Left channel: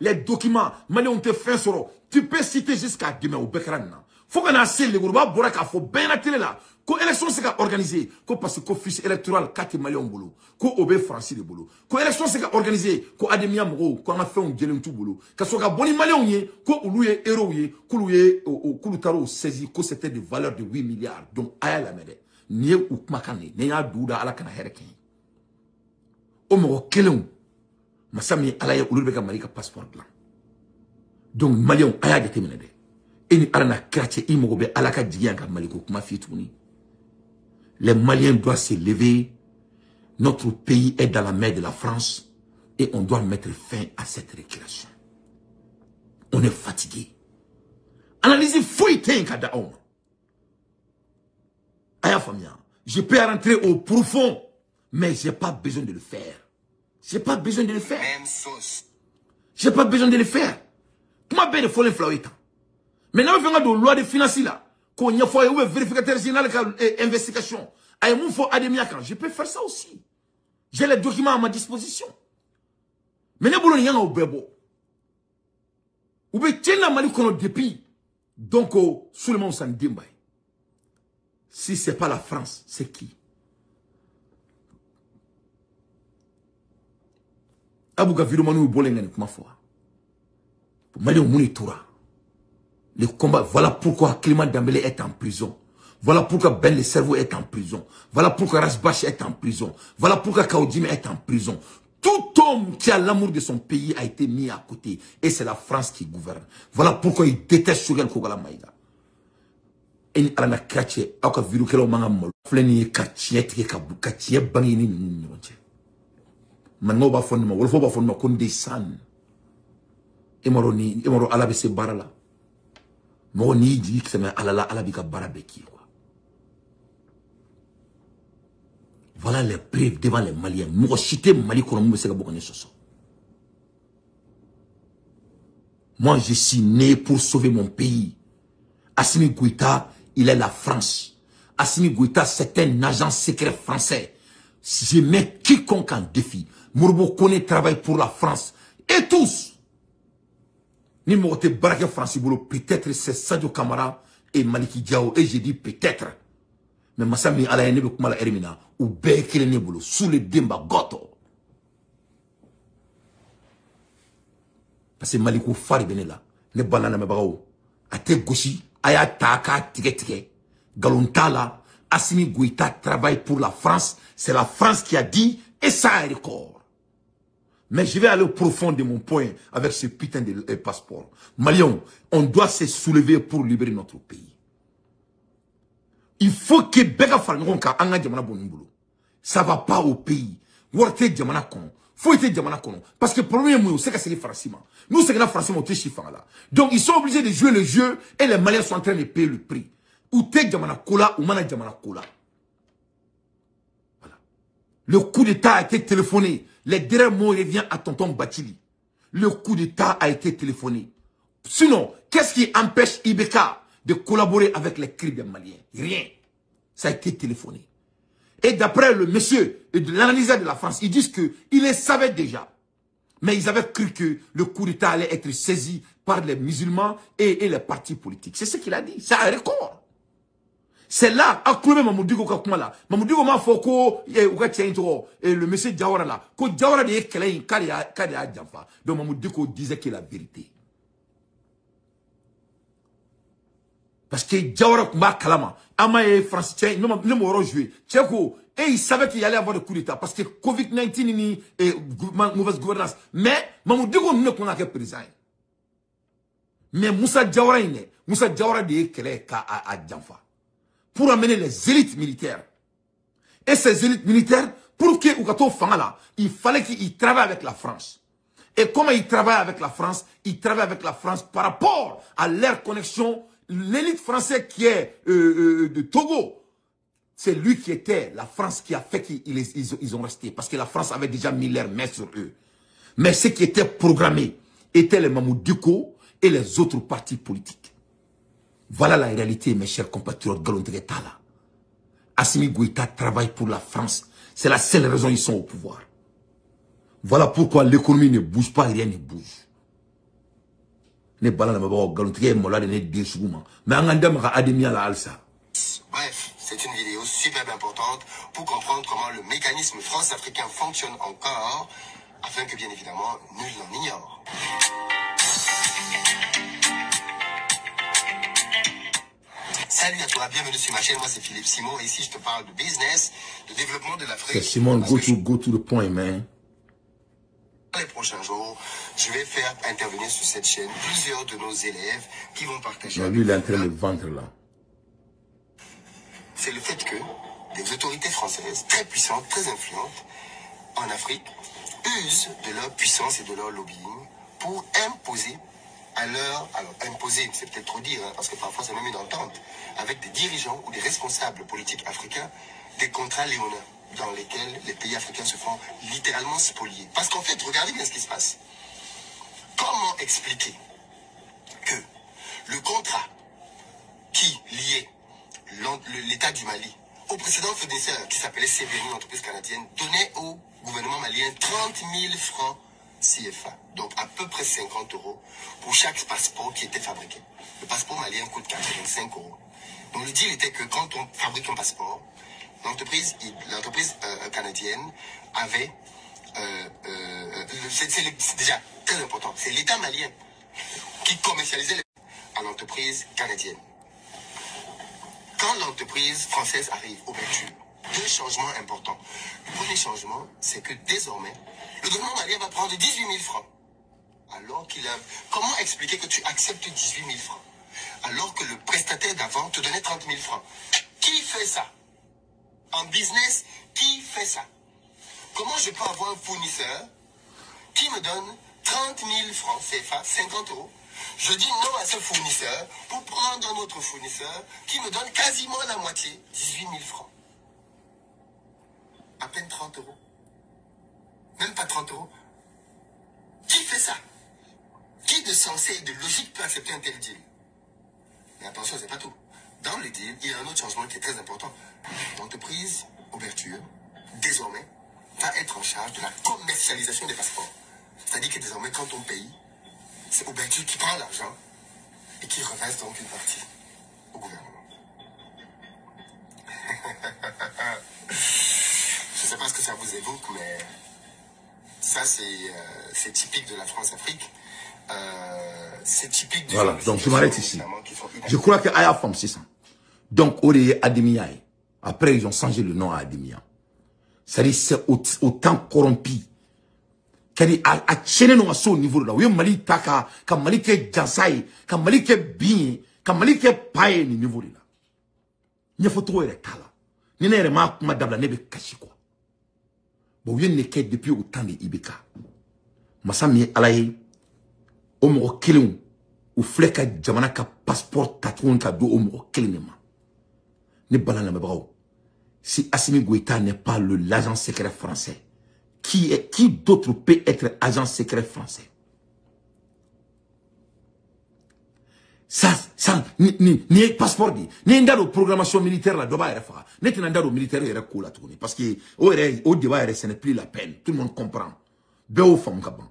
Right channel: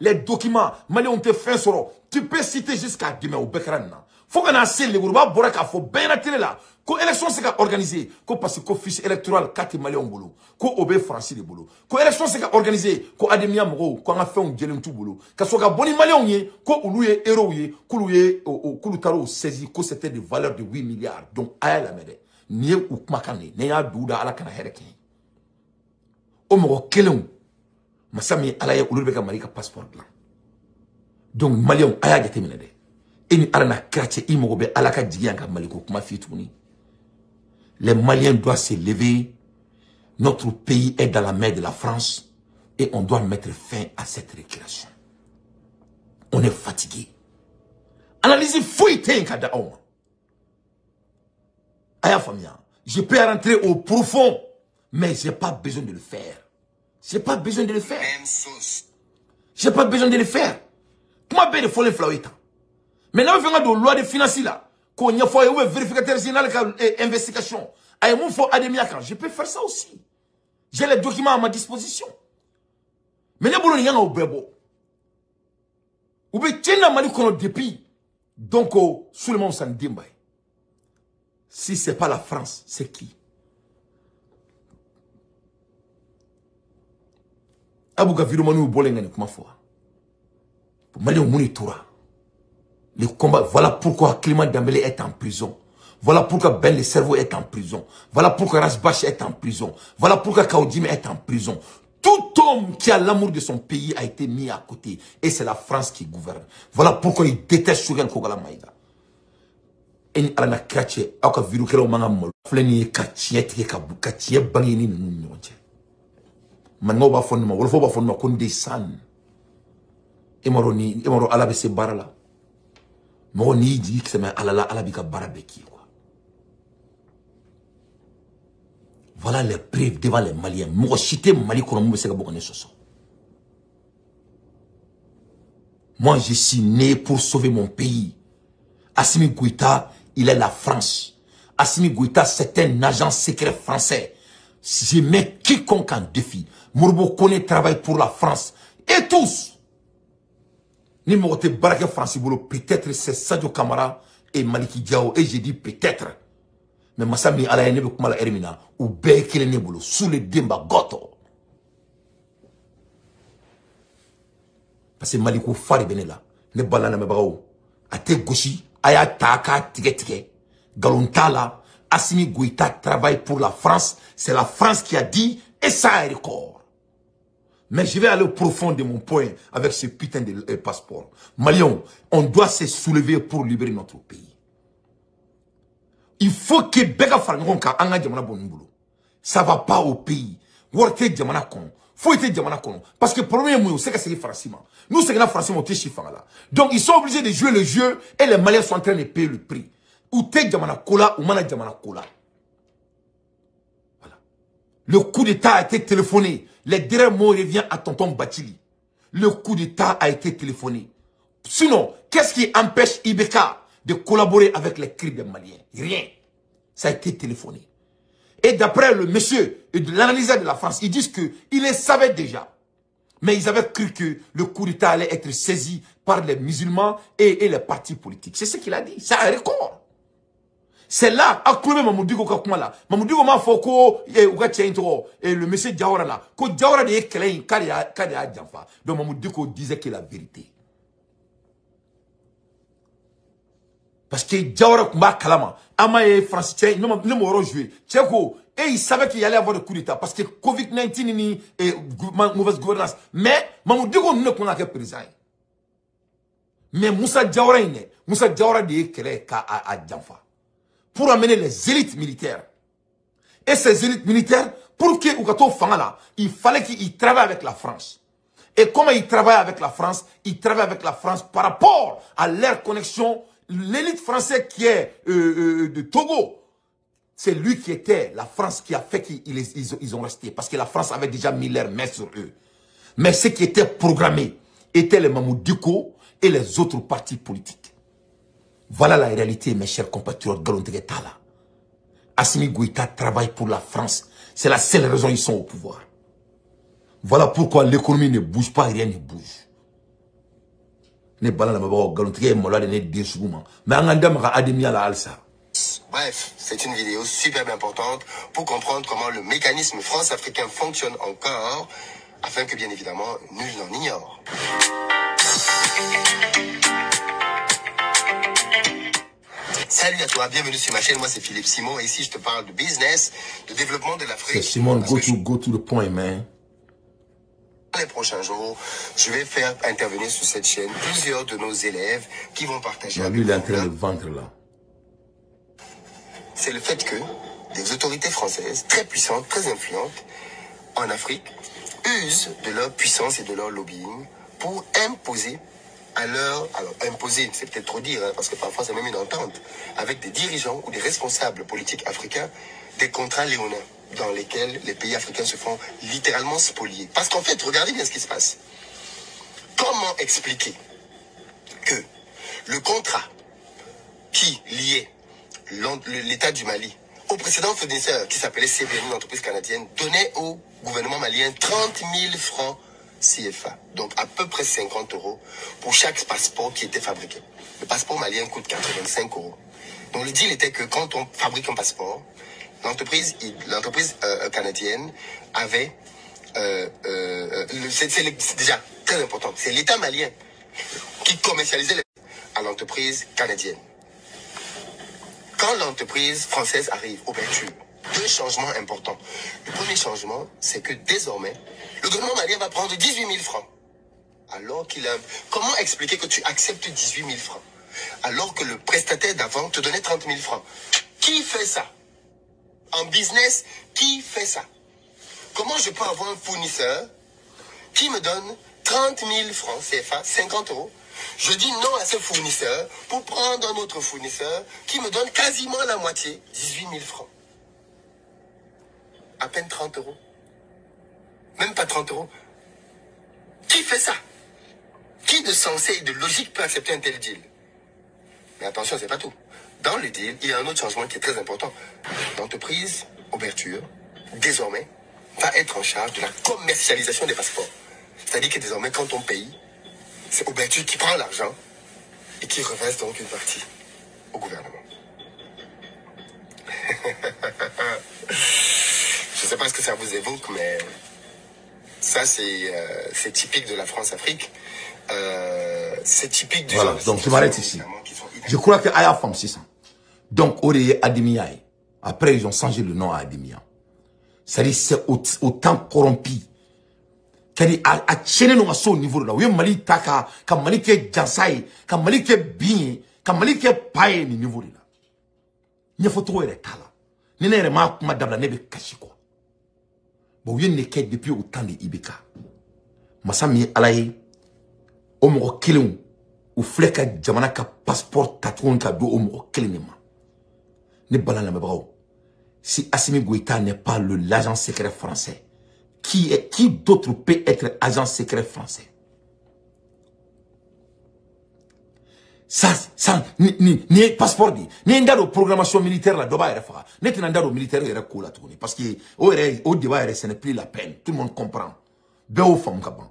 les documents, Mali ont été fin soro. Tu peux citer jusqu'à demain au Bekran. Faut qu'on a assez les Gourouba, Boraka, faut bien attirer là. Ko élection c'est organisé, ko parce que fiche électoral 4 Mali en boulot, ko obé français de boulot. Ko élection c'est organisé, ko ademia mro, ko on a fait un gelin tout boulot. Ka soka boni Mali on yé, ko oulouye héros yé, ko louye koulutaro saisi, ko c'était de valeur de 8 milliards. Donc aya la mede, nié ou makane, neya douda ala kana hereke. O mro kelon. Masami alaye ulubeka malika passeport là. Donc Malion aya jete minede. Eni arana krache imogobe alaka jiyanka maliko kuma fitouni. Les Maliens doivent se lever. Notre pays est dans la main de la France et on doit mettre fin à cette récréation. On est fatigué. Analyse fouille kada homme. Aya famia, je peux rentrer au profond, mais j'ai pas besoin de le faire. J'ai pas besoin de le faire. J'ai pas besoin de le faire. Comment bien de folle florita? Maintenant, on fait une loi de finances là. Qu'on y a fait une vérificateur général d'investigation. Je peux faire ça aussi. J'ai les documents à ma disposition. Mais les boulons, il y en a au bébo. Ou bien, tiens la mali qu'on a depuis. Donc, sous le monde s'en dit. Si c'est pas la France, c'est qui? Abouga Viromanu Bolengane, comment faire? Mali au Mounitora. Le combat, voilà pourquoi Clément Dembélé est en prison. Voilà pourquoi Ben le cerveau est en prison. Voilà pourquoi Rasbach est en prison. Voilà pourquoi Kaoudime est en prison. Tout homme qui a l'amour de son pays a été mis à côté. Et c'est la France qui gouverne. Voilà pourquoi il déteste Souriel Kogala Maïga. Et alana kache, aka viru kero manga mol. Fleni kachiet ke kachiet bangini nunche. Mango ba fonni ma, wolfo ba fonni ma konde san. Emoro ala se barala. Mo ni di que c'est ala bika barabeki quoi. Voilà les preuves devant les Maliens. Moi cité Mali kono mo se bokone soso. Moi je suis né pour sauver mon pays. Assimi Goïta, il est la France. Assimi Goïta, c'est un agent secret français. Je mets quiconque en défi. Mourbo Kone travaille pour la France. Et tous. Ni mogote barake France bolo, peut-être c'est Sadio Kamara et Maliki Diao. Et je dis peut-être. Mais Massami ala nebe kumala erimina. Ou bekele nebolo. Sous le demba goto. Parce que Malikou Fari Benela. Ne balana mebao. Ate goshi. Aya taka tike. Galontala. Assimi Goïta travaille pour la France. C'est la France qui a dit. Et ça est record. Mais je vais aller au profond de mon point avec ce putain de passeport. Malion, on doit se soulever pour libérer notre pays. Il faut que Bega Falnronka anga jamana bonimbulo. Ça va pas au pays. Worte jamana kon. Faut être jamana kon. Parce que premier mot, c'est que c'est les Francima. Nous, c'est que la France, on est chiffres là. Donc, ils sont obligés de jouer le jeu et les Maliens sont en train de payer le prix. Ou te jamana kola, ou mana jamana kola. Voilà. Le coup d'État a été téléphoné. Les derniers mots reviennent à tonton Bachili. Le coup d'État a été téléphoné. Sinon, qu'est-ce qui empêche Ibeka de collaborer avec les criminels maliens? Rien. Ça a été téléphoné. Et d'après le monsieur de l'analyseur de la France, ils disent qu'ils le savaient déjà. Mais ils avaient cru que le coup d'État allait être saisi par les musulmans et les partis politiques. C'est ce qu'il a dit. C'est un record. C'est là, à Koulé Mamoudougo Kakumala. Mamoudougo Mafoko, et le monsieur Diawara là. Que Diawara de Ekelen, Kadia Djafa. Donc Mamoudougo disait que la vérité. Parce que Diawara Kumba Kalama, Amae Francais, non m'auront joué. Tchèko, et il savait qu'il y allait avoir le coup d'État. Parce que Covid-19 et mauvaise gouvernance. Mais Mamoudougo ne connaît que président. Mais Moussa Diawara de Ekelen à Djafa. Pour amener les élites militaires. Et ces élites militaires, pour que Ougato Fangala, il fallait qu'ils travaillent avec la France. Et comment ils travaillent avec la France? Ils travaillent avec la France par rapport à leur connexion. L'élite française qui est de Togo, c'est lui qui était la France qui a fait qu'ils ont resté. Parce que la France avait déjà mis leur main sur eux. Mais ce qui était programmé étaient les Mamoudouko et les autres partis politiques. Voilà la réalité, mes chers compatriotes Galondregetala. Assimi Goïta travaille pour la France. C'est la seule raison ils sont au pouvoir. Voilà pourquoi l'économie ne bouge pas, rien ne bouge. Ne balala mabao galontige mola de ne desuguma. Mais angandam ka ademia la alsa. Bref, c'est une vidéo super importante pour comprendre comment le mécanisme France-Africain fonctionne encore, afin que bien évidemment, nul n'en ignore. Salut à toi, bienvenue sur ma chaîne, moi c'est Philippe Simon et ici je te parle de business, de développement de l'Afrique. Simon, go to the point, man. Dans les prochains jours, je vais faire intervenir sur cette chaîne plusieurs de nos élèves qui vont partager. Lui, il est en train de vendre là. C'est le fait que des autorités françaises très puissantes, très influentes en Afrique usent de leur puissance et de leur lobbying pour imposer à leur... Alors, imposer, c'est peut-être trop dire, hein, parce que parfois c'est même une entente avec des dirigeants ou des responsables politiques africains, des contrats léonins dans lesquels les pays africains se font littéralement spolier. Parce qu'en fait, regardez bien ce qui se passe. Comment expliquer que le contrat qui liait l'État du Mali au précédent fournisseur qui s'appelait CBN, une entreprise canadienne, donnait au gouvernement malien 30 000 francs CFA, donc à peu près 50 € pour chaque passeport qui était fabriqué. Le passeport malien coûte 85 €. Donc le deal était que quand on fabrique un passeport, l'entreprise canadienne avait, c'est déjà très important, c'est l'État malien qui commercialisait à l'entreprise canadienne. Quand l'entreprise française arrive, ouverture, deux changements importants. Le premier changement, c'est que désormais, le gouvernement malien va prendre 18 000 francs. Alors qu'il a... Comment expliquer que tu acceptes 18 000 francs alors que le prestataire d'avant te donnait 30 000 francs? Qui fait ça? En business, qui fait ça? Comment je peux avoir un fournisseur qui me donne 30 000 francs CFA, 50 €? Je dis non à ce fournisseur pour prendre un autre fournisseur qui me donne quasiment la moitié, 18 000 francs. À peine 30 €. Même pas 30 €. Qui fait ça? Qui de sensé et de logique peut accepter un tel deal? Mais attention, c'est pas tout. Dans le deal, il y a un autre changement qui est très important. L'entreprise Ouverture, désormais, va être en charge de la commercialisation des passeports. C'est-à-dire que désormais, quand on paye, c'est Ouverture qui prend l'argent et qui reverse donc une partie au gouvernement. Je ne sais pas ce que ça vous évoque, mais ça, c'est typique de la France-Afrique. C'est typique du... Voilà, donc je m'arrête ici. Je crois que Aya Femme, c'est ça. Donc, Ori Ademia. Après, ils ont changé le nom à Ademia. C'est-à-dire, c'est autant corrompu. C'est-à-dire, à chaîner nous à ce niveau là. Oui, Mali taka, comme Mali ke jansai, comme Mali ke bien, comme Mali ke paye ni niveau là. Il faut trouver les tala. Ni ne remarque madame la nebe kashi quoi. Bon, oui, ne ke depuis autant de Ibeka. Masami alaye, omo killing, ou fleka jamana ka passeport tatouon ka do omo killing ma. Ne balana me bravo. Si Assimi Goïta n'est pas l'agent secret français, qui d'autre peut être agent secret français? Ça, ni passeport dit, ni ndaro programmation militaire là, doba refa. Ni ndaro militaire est recool à tourner. Parce que, au débat, ce n'est plus la peine. Tout le monde comprend. Béo femme kaban.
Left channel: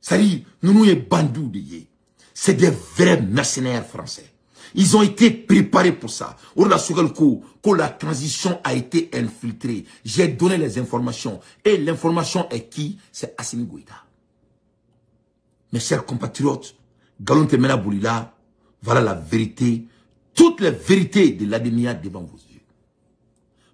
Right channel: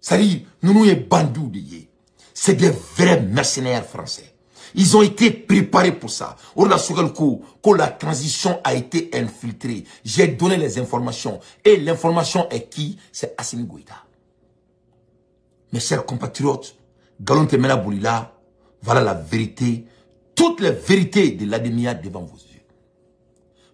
Ça dit, nous y bandou de yé. C'est des vrais mercenaires français. Ils ont été préparés pour ça. Quand la transition a été infiltrée, j'ai donné les informations. Et l'information est qui? C'est Assimi Goïta. Mes chers compatriotes, Galon Temena Boulila, voilà la vérité. Toutes les vérités de l'Ademia devant vos yeux.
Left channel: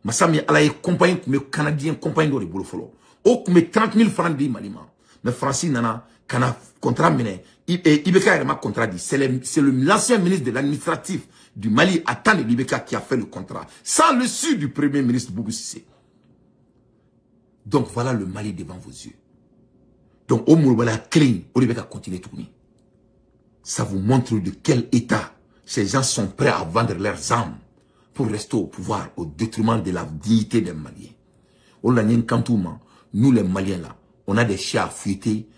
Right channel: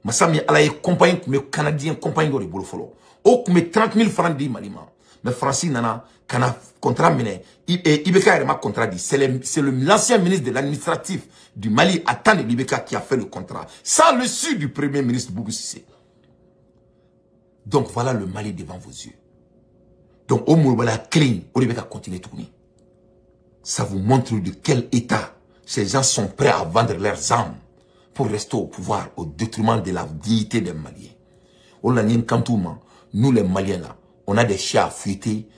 Massami Alaye compagnie, mes Canadiens compagnie de Bolofolo. Oh, mes 30 000 francs de Malima. Mais Francis Nana, Kana contrat mené. Ibeka Rema contrat dit. C'est l'ancien ministre de l'administratif du Mali, Atane Ibeka, qui a fait le contrat. Sans le su du premier ministre Boubou Sissé. Donc voilà le Mali devant vos yeux. Donc au Mourbala clean, Ibeka continue de tourner. Ça vous montre de quel état ces gens sont prêts à vendre leurs âmes pour rester au pouvoir au détriment de la dignité des Maliens. Nous les Maliens là, on a des chats à fuiter.